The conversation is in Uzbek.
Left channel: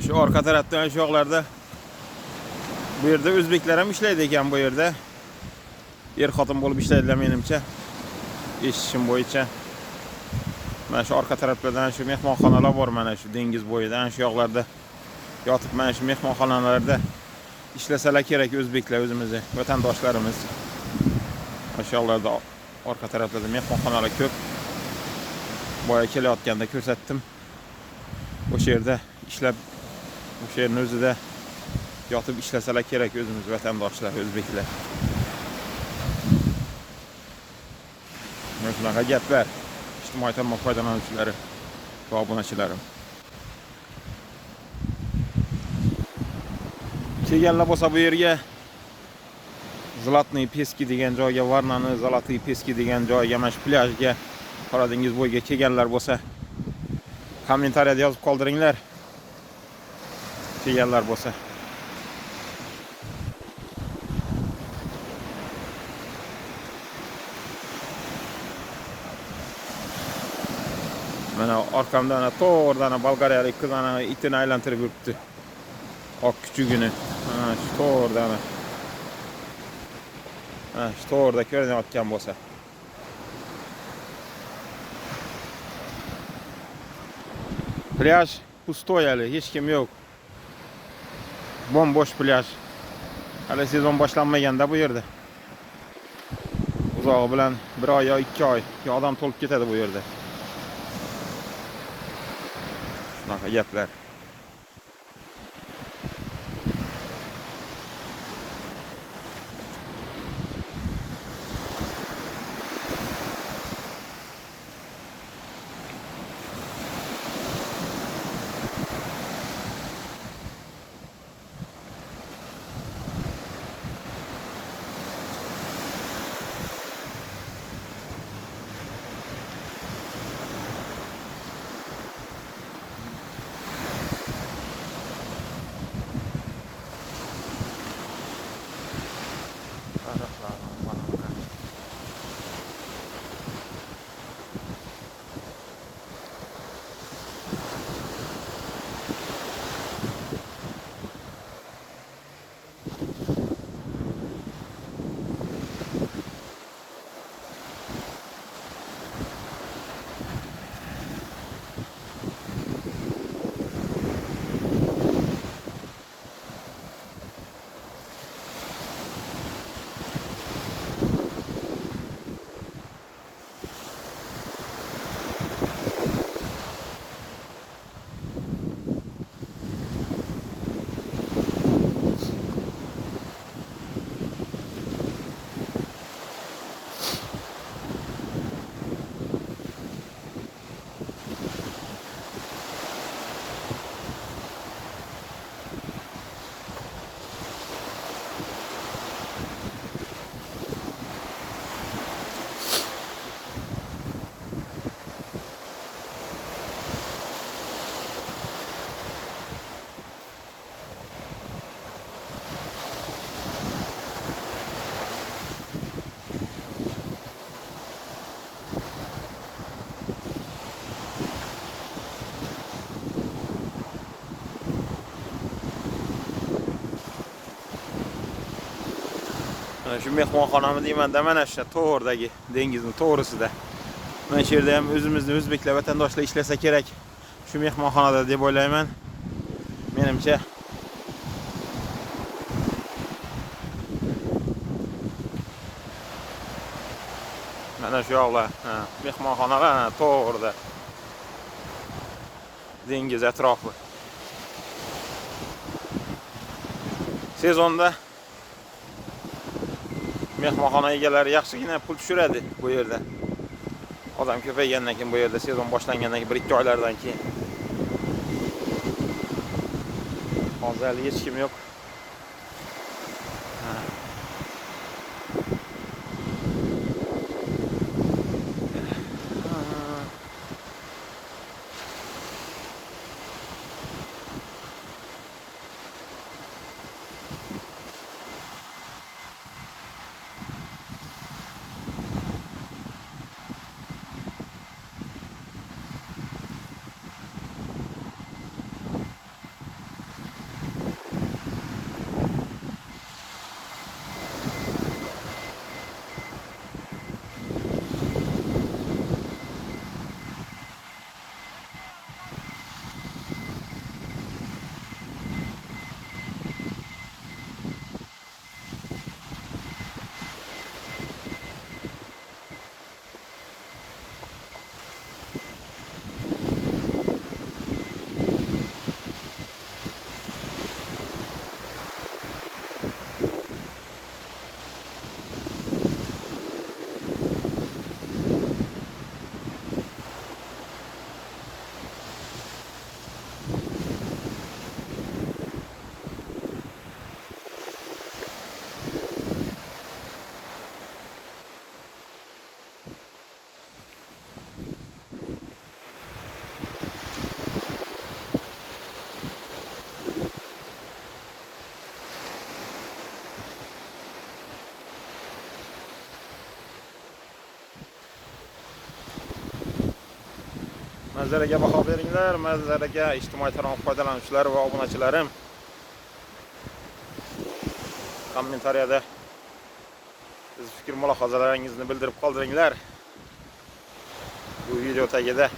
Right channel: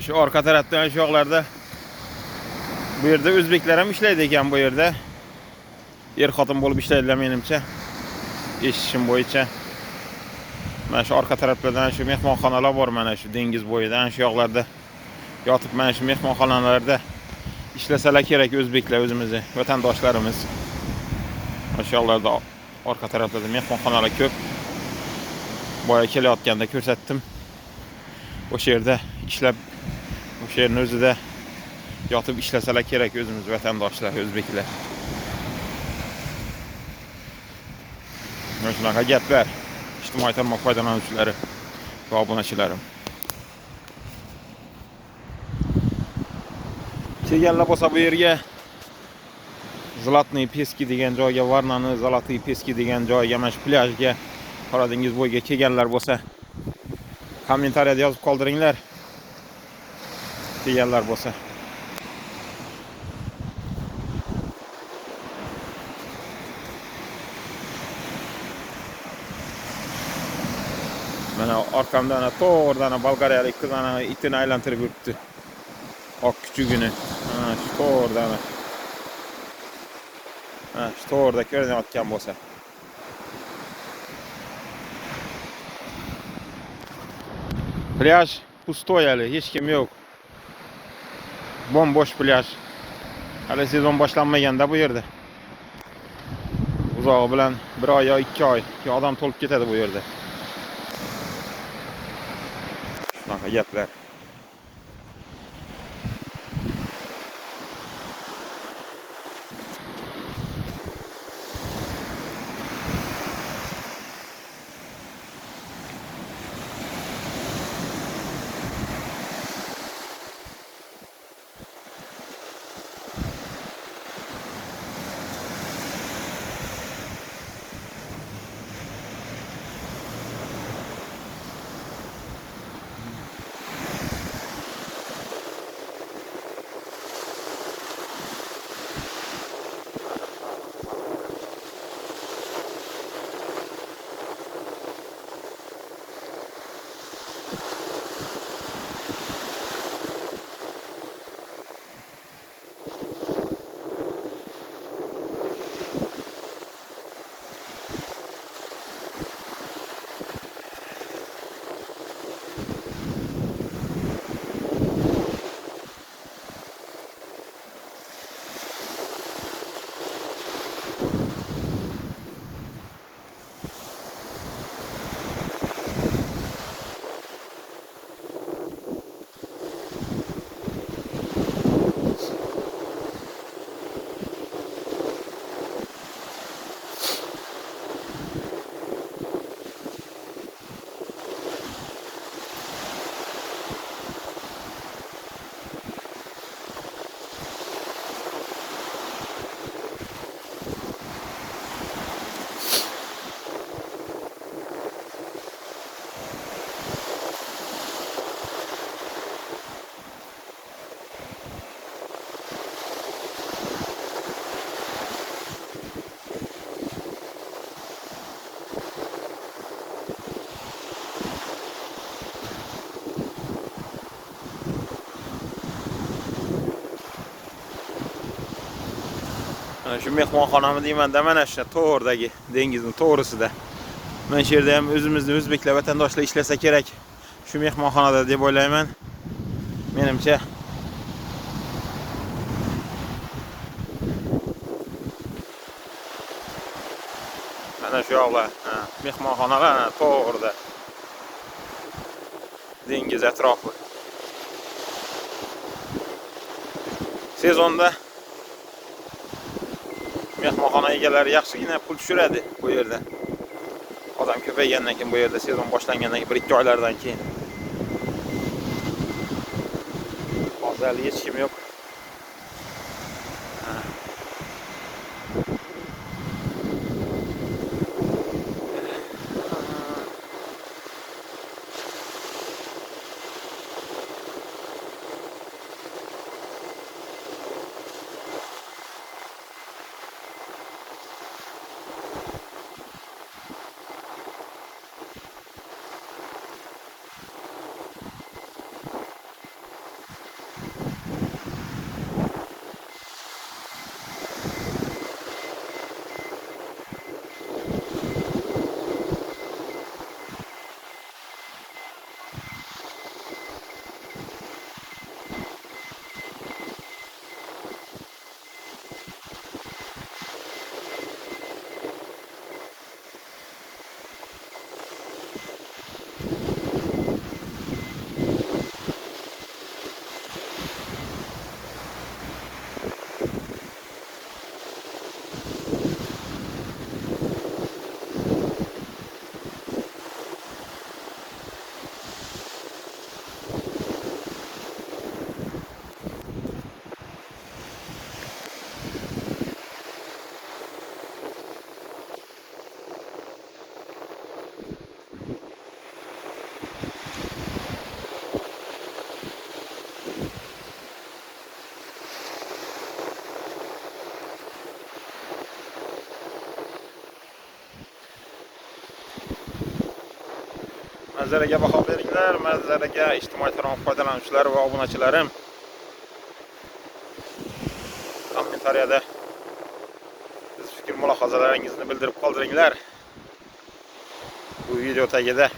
Şu arka tarafdan şu yoqlarda bu yerda o'zbeklar ham ishlaydi ekan bu yerda. Er-xotin bo'lib ishlaydilar menimcha. Eshitishim bo'yicha. Mana shu orqa taraflardan shu mehmonxonalar bor, mana shu dengiz bo'yidan shu yoqlarda yotib mana shu mehmonxonalarda ishlasalar kerak o'zbeklar, o'zimizni vatandoshlarimiz. Mana shu yoqlarda orqa taraflarda mehmonxonalar ko'p. Boya kelayotganda ko'rsatdim. O'sha yerda ishlab, o'sha yerning o'zida yotib ishlasalar kerak o'zimiz vatandoshlar, o'zbeklar. Mana shunaqa gaplar. İctimai tarmoq foydalanuvchilari va obunachilarim. Kelganlar bo'lsa bu yerga Zlatniy Peski degan joyga, Varnani Zlatniy Peski degan joyga, mana shu plyajga, Qora dengiz bo'yiga kelganlar bo'lsa kommentariyada yozib qoldiringlar. Kelganlar bo'lsa. Mana orqamda ana to'g'ridan Bolgariyalik qiz ana itini aylantirib yuribdi. Oq kuchugini. Mana shu to'g'ridan. Ha, shu to'g'rida ko'rinayotgan bo'lsa. Plyaj pustoy hali, hech kim yo'q. Bombosh plyaj. Hali sezon boshlanmaganda bu yerda. Uzog'i bilan 1 oy yo 2 oy odam to'lib ketadi bu yerda. Bunaqa gaplar. Şu mehmonxonami deyman-da, mana shu to'g'ridagi dengizning to'g'risida. Mana shu yerda ham o'zimizning o'zbeklar vatandoshlar ishlasa kerak shu mehmonxonada deb o'ylayman. Menimcha mana shu yoqlar, mehmonxonalar to'g'rida. Dengiz atrofi. Sezonda mehmonxona egalari yaxshigina pul tushiradi bu yerda. Odam ko'paygandan keyin bu yerda sezon boshlangandan keyin 1-2 oylardan keyin. Hozir hech kim yo'q. Manzaraga baho beringlar, manzaraga ijtimoiy tarmoq foydalanuvchilari va obunachilarim. Kommentariyada siz fikr mulohazalaringizni bildirib qoldiringlar. Bu video tagida